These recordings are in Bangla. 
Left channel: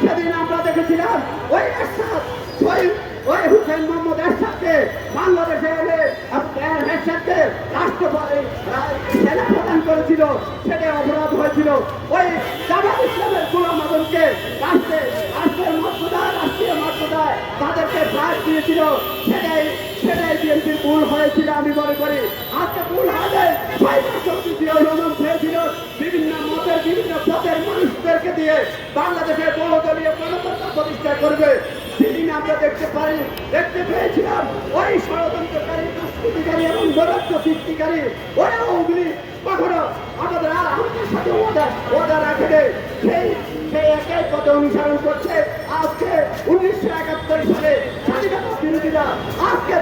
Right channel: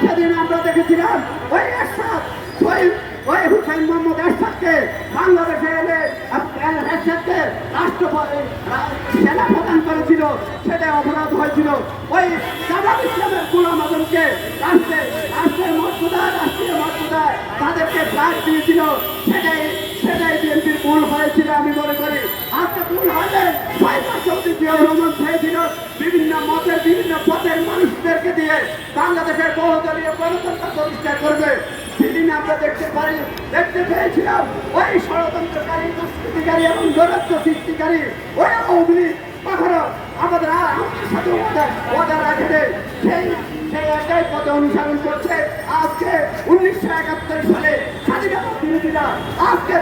সেদিন আমরা দেখেছিলাম ওই এরশাদ ওই হুসেন মোহাম্মদ এরশাদকে বাংলাদেশে এনে এরশাদকে রাষ্ট্রপতি সেনা প্রদান করেছিল, সেটা অপরাধ হয়েছিল। ওই জামাত ইসলামের গোলাম আজমকে রাষ্ট্রের মর্যাদায়, রাষ্ট্রীয় মর্যাদায় তাদেরকে প্রায় দিয়েছিল, সেটাই বিএনপির ভুল হয়েছিল আমি মনে করি। আজকে ভুল হবে রহমান চেয়েছিল বিভিন্ন মতের বিভিন্ন পথের মানুষদেরকে দিয়ে বাংলাদেশের বহুদলীয় গণতন্ত্র প্রতিষ্ঠা করবে। সেদিন আমরা দেখতে পেয়েছিলাম ওই ষড়যন্ত্রকারী, দুষ্কৃতিকারী এবং দৌরাত্ম্য সৃষ্টিকারী ওই আওয়ামী লীগ কখনো আমাদের সাথে ওয়াদা রাখে নেই। সেই একই পথ অনুসরণ করছে। আজকে 1971 সালে স্বাধীনতা বিরোধীরা আজকে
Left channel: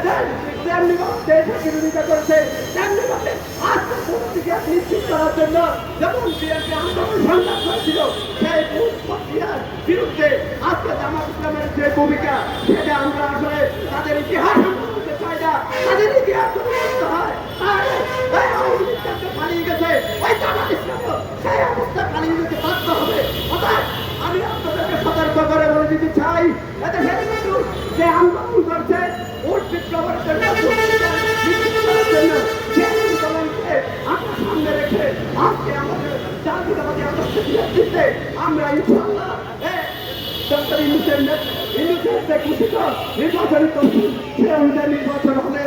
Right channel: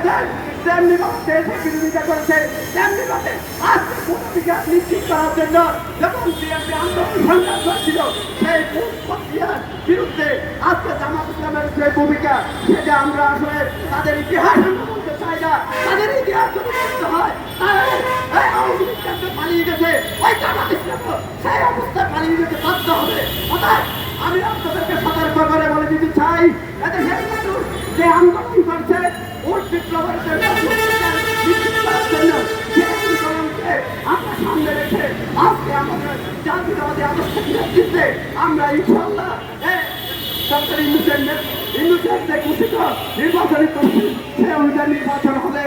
দেশের বিরোধিতা করেছে, তেমনিভাবে আজকে ভূমিকা নিশ্চিত করার জন্য যখন বিএনপি আন্দোলন সংগ্রাম করেছিল সেই প্রক্রিয়ার বিরুদ্ধে আজকে জামাত ইসলামের যে ভূমিকা, সেটা আমরা আসলে তাদের ইতিহাস বলতে চাই না। তাদের ইতিহাস যদি বলতে হয় তাহলে এই আওয়ামী লীগ পালিয়ে গেছে, ওই জামাত ইসলাম সেই অবস্থায় পালিয়ে যেতে বাধ্য হবে। অর্থাৎ আমি আপনাদেরকে সতর্ক করে বলে দিতে চাই, এদেশের মানুষ যে আন্দোলন করছে ভোট বিপ্লবের জন্য, সেই আন্দোলনকে আমরা সামনে রেখে আজকে আমাদের জাতীয়তাবাদী আদর্শের নেতৃত্বে আমরা ইনশাআল্লাহ ডক্টর ইউনূসের যে ঘোষিত নির্বাচনী কমিশন, সে অনুযায়ী নির্বাচন হবে।